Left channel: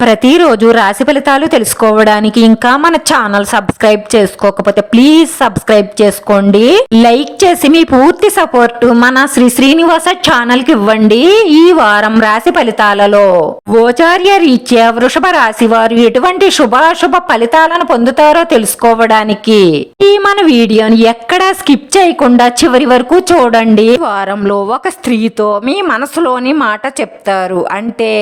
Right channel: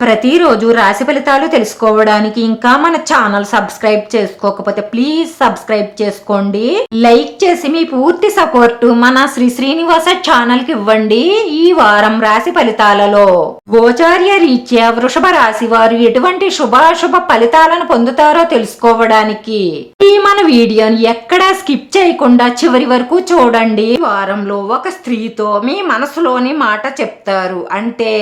ప్రతిరోజు రాశి ఫలితాలు తెలుసుకోవడానికి ఇంకా మన ఛానల్ సబ్స్క్రైబ్ చేసుకోకపోతే ప్లీజ్ సబ్స్క్రైబ్ చేసుకోండి. లైక్ చేసి మీ పూర్తి సపోర్ట్ మన శ్రీ శ్రీనివాస ఛానల్కి ఇవ్వండి ఈ వారం రాశి ఫలితాలలో. గోచార్య రీత్యా వృషభ రాశి వారు ఎటువంటి శుభాశుభ ఫలితాలను పొందుతారో తెలుసుకోవడానికి ఈ మన వీడియోని ఎక్కడా స్కిప్ చేయకుండా చివరి వరకు చూడండి. వారంలో ఒక స్త్రీతో మీ మనసులోని మాట చెప్తారు. అంటే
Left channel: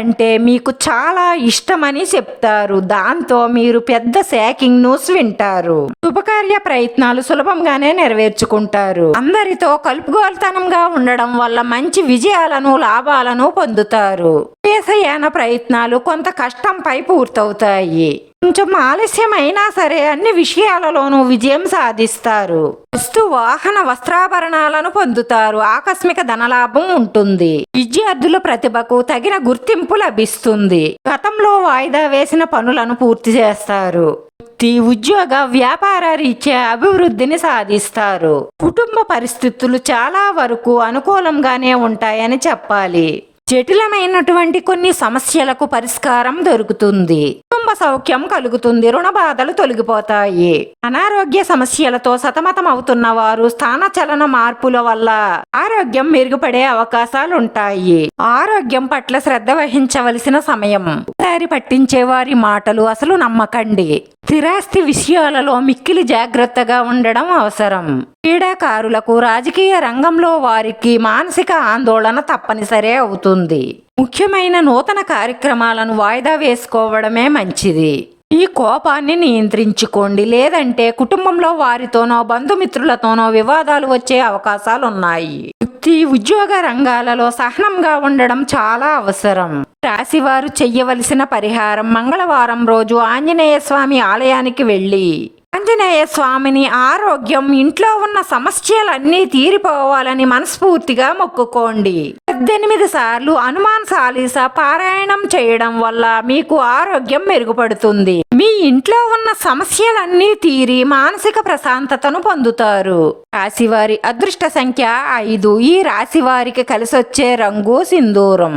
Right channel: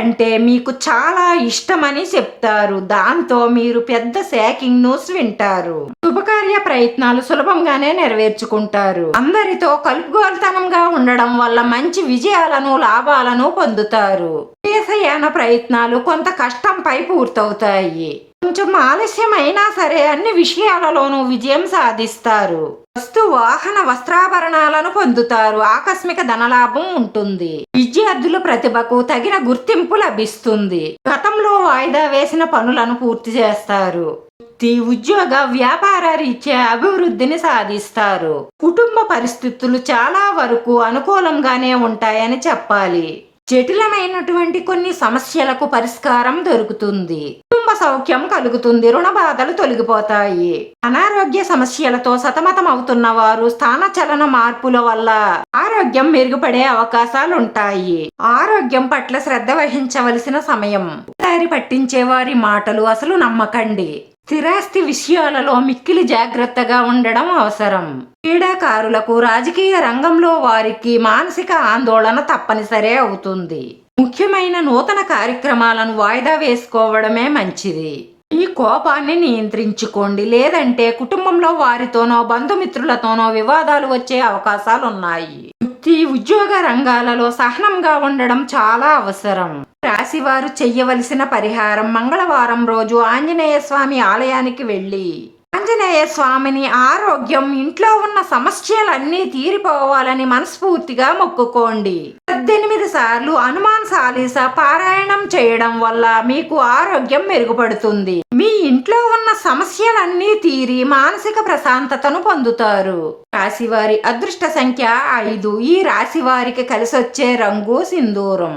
అంటే మీకు చాలా ఇష్టమని చెప్తారు. దాంతో మీరు పెద్ద శాకింగ్ న్యూస్ వింటారు. శుభకార్య ప్రయత్నాలు సులభంగానే నెరవేర్చుకుంటారు. అందరితో కలుపుగోలుతనంగా ఉండడం వల్ల మంచి విజయాలను లాభాలను పొందుతారు. దేశయాన ప్రయత్నాలు కొంత కష్టంపై పూర్తవుతాయి. కొంచెం ఆలస్యమైనా సరే అన్ని విషయాలలోనూ విజయం సాధిస్తారు. వస్తు వాహన వస్త్రాభరణాలను పొందుతారు. ఆకస్మిక ధనలాభం ఉంటుంది. విద్యార్థుల ప్రతిభకు తగిన గుర్తింపు లభిస్తుంది. గతంలో వాయిదా వేసిన పనులను పూర్తి చేస్తారు. వృత్తి ఉద్యోగ వ్యాపార రీత్యా అభివృద్ధిని సాధిస్తారు. కుటుంబ పరిస్థితులు చాలా వరకు అనుకూలంగానే ఉంటాయని చెప్పాలి. జటిలమైనటువంటి కొన్ని సమస్యలకు పరిష్కారం దొరుకుతుంది. సౌఖ్యం కలుగుతుంది రుణ బాధలు తొలగిపోతాయి. అనారోగ్య సమస్యలతో సతమతం అవుతున్న వారు స్థాన చలన మార్పుల వల్ల ఆరోగ్యం మెరుగుపడే అవకాశాలుంటాయి. ఆరోగ్యం పట్ల శ్రద్ధ వహించవలసిన సమయం. దారి పట్టించే వారి మాటలు అసలు నమ్మకండి. స్థిరాస్తి విషయాలలో మిక్కిలి జాగ్రత్తగా ఉండడం అవసరం. క్రీడాకారులకు రాజకీయ రంగంలో వారికి మానసిక ఆందోళన తప్పనిసరి అవుతుంది. ముఖ్యమైన నూతన కార్యక్రమాలను వాయిదా వేసుకోవడమే మంచిది. ఈ కోపాన్ని నియంత్రించుకోండి. లేదంటే కుటుంబంలో వారితోనో బంధుమిత్రులతోనో వివాదాలు వచ్చే అవకాశాలున్నాయి. వృత్తి ఉద్యోగ రంగాలలో సహనంగా ఉండడం చాలా అవసరం. రాశివారు చెయ్యవలసిన పరిహారం మంగళవారం రోజు ఆంజనేయ స్వామి ఆలయానికి వెళ్ళి ఆంజనేయ స్వామిని ఆరోగ్యం ఇంట్లో ఉన్న సమస్యలన్నీ తీరిపోవాలని మనస్ఫూర్తిగా మొక్కుకోండి. పద్దెనిమిది సార్లు హనుమాన్ సాలీస పారాయణం చేయడం వల్ల మీకు ఆరోగ్యం మెరుగుపడుతుంది. మీ ఇంట్లో ఉన్న సమస్యలన్నీ తీరి మానసిక ప్రశాంతతను పొందుతారు. రాశివారి అదృష్ట సంఖ్య ఐదు. ఈ రాశి వారికి కలిసొచ్చే రంగు సింధూరం.